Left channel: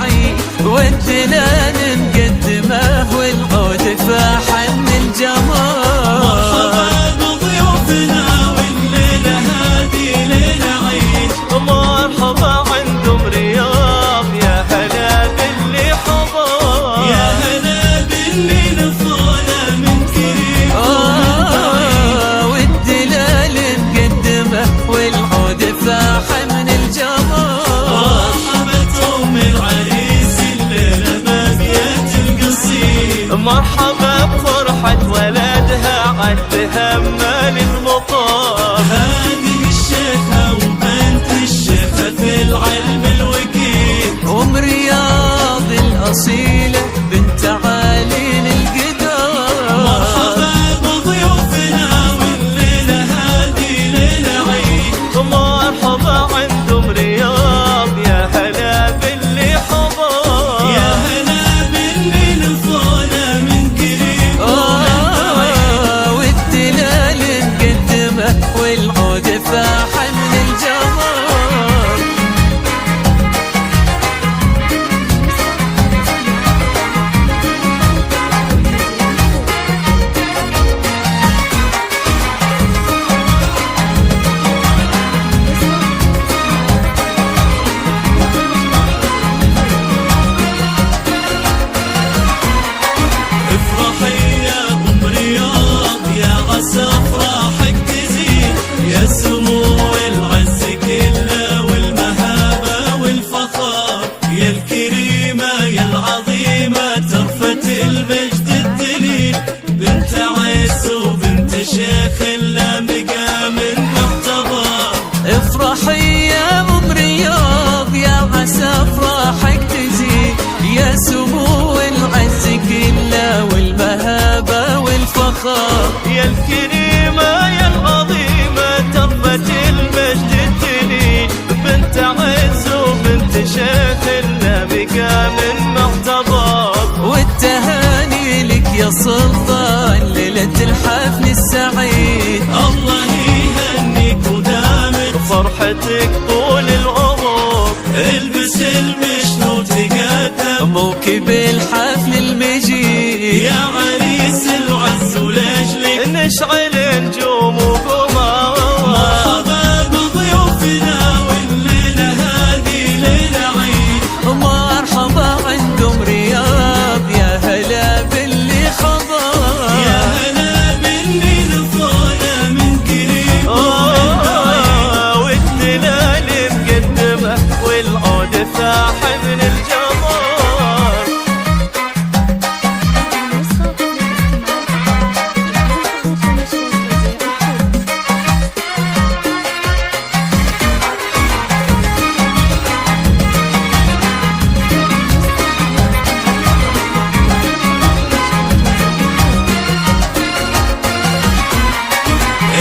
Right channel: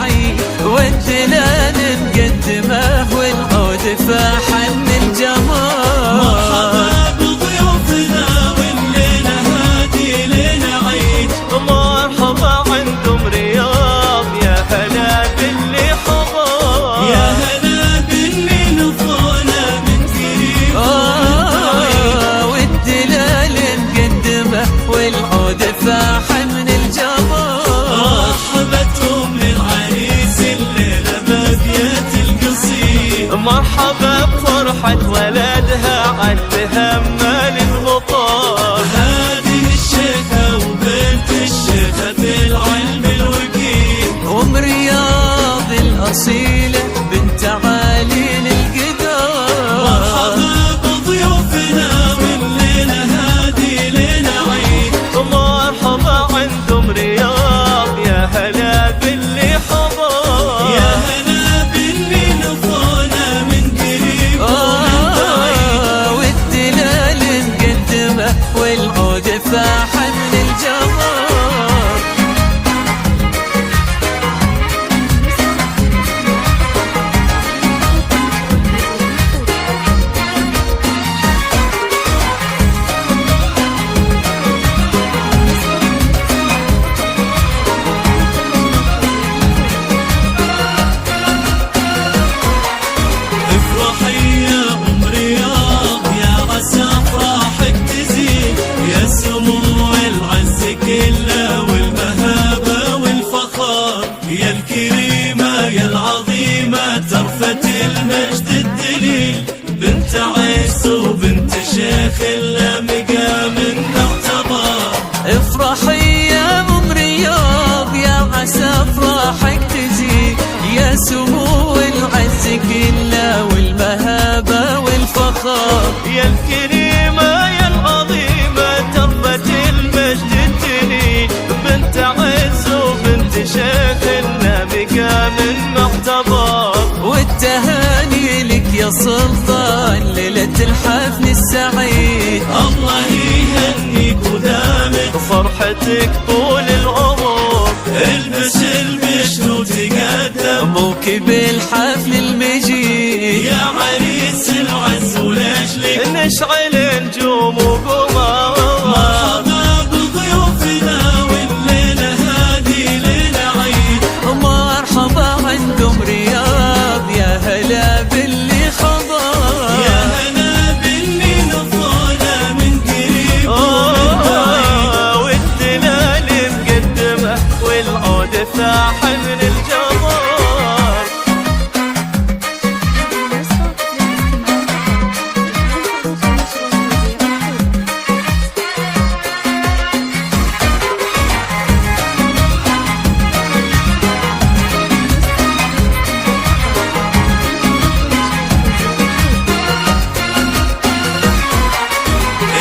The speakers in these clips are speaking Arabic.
بعيد، والدلال مقدمه والعود فاح من الجمال. مرحبا بضيوفنا والليلة هادي ليلة عيد، مرحبا عندهم رياض يا هلا باللي حضر، يا هلا باللي نفونا من قريب والدلال مقدمه والعود فاح من الجمال. مرحبا العريس الليلة بابية القصير، مرحبا بفرحة ولدها عالتهمل المطار. هذه الشيخة وبنت الشيخة في العلم الوكيل، ام رياض الأصيلة بنت عالي القدار. مرحبا بضيوفنا والليلة هادي ليلة عيد، مرحبا عندهم رياض يا هلا باللي حضر، يا هلا باللي نفونا من قريب والدلال مقدمه والعود فاح من الجمال. افرحي يا ام رياض يا عسى افراحك تزيد، يا سمو العز كله والمهابه والفخار، يا الكريمه يا العظيمه ترفة المجد الدليل، بنت عيس وبنت شيخ الا مقام معتبر. افرحي يا ام رياض يا عسى افراحك تزيد، يا سمو العز كله والمهابه والفخار، يا الكريمة يا العظيمة تربة المجد الدليل، بنت عز وبنت شيخ لنا مقام معتبر. والتهاني لك يا سلطان ليلة الحفل السعيد، الله يهنيك ودامك فرحتك طول العمر، البس البشر وتقدم موكب الحفل المجيد. يا عريس العز ولأجلك نشعل نجوم وقمر. مرحبا بضيوفنا والليلة هادي ليلة عيد، مرحبا عندهم رياض يا هلا باللي خضر، يا هلا باللي نفونا من قريب ومن بعيد. والدلال مقدمه والعود فاح من الجمال.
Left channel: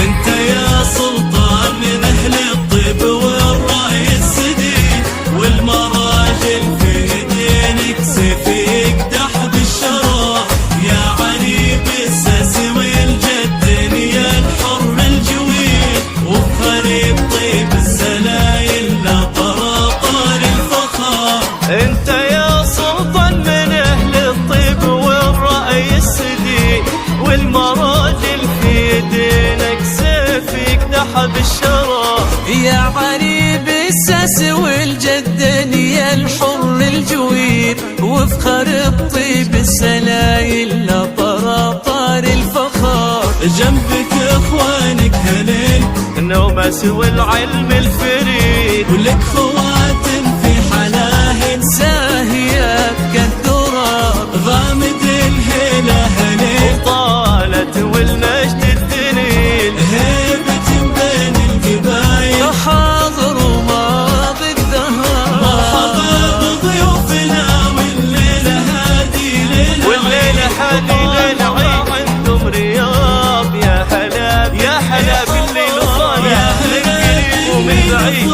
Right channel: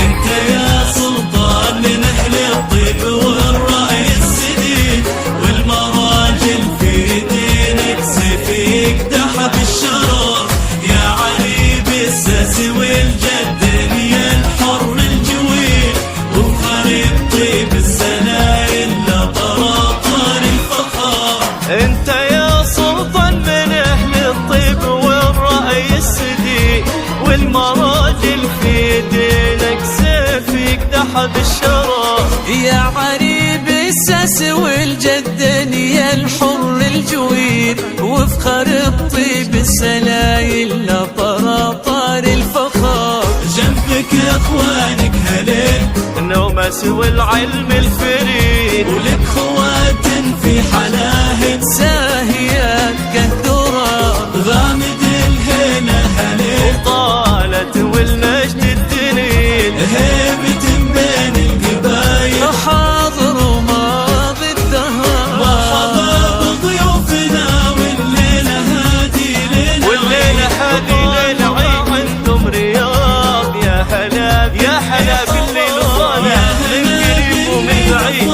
انت يا سلطان من اهل الطيب والرأي السديد، والمراجل في دينك سيف يقدح بالشرف، يا علي بالساس والجد يا الحر الجويل، وبخريب طيب السلايل لا طراطار الفخار. انت يا سلطان من اهل الطيب والرأي السديد، والمراجل في دينك سيف يقدح بالشرف، يا عريب الساس والجدن يا الحر الجوير، وفخر الطيب السلايل لا طراطار الفخار. جنبك اخوانك هليل النومس والعلم الفريد، ولك خواتم في حلاهل زاهيات كالدرار، غامد الهيلة هليل وطالت والمجد الدليل، هيبة بين القبايل. حاضر وماضي الدهر. مرحبا بضيوفنا والليلة هادي ليلة والليلة هادي ليلة عيد، عندهم رياض يا هلا باللي نصانع من قريب ومن بعيد.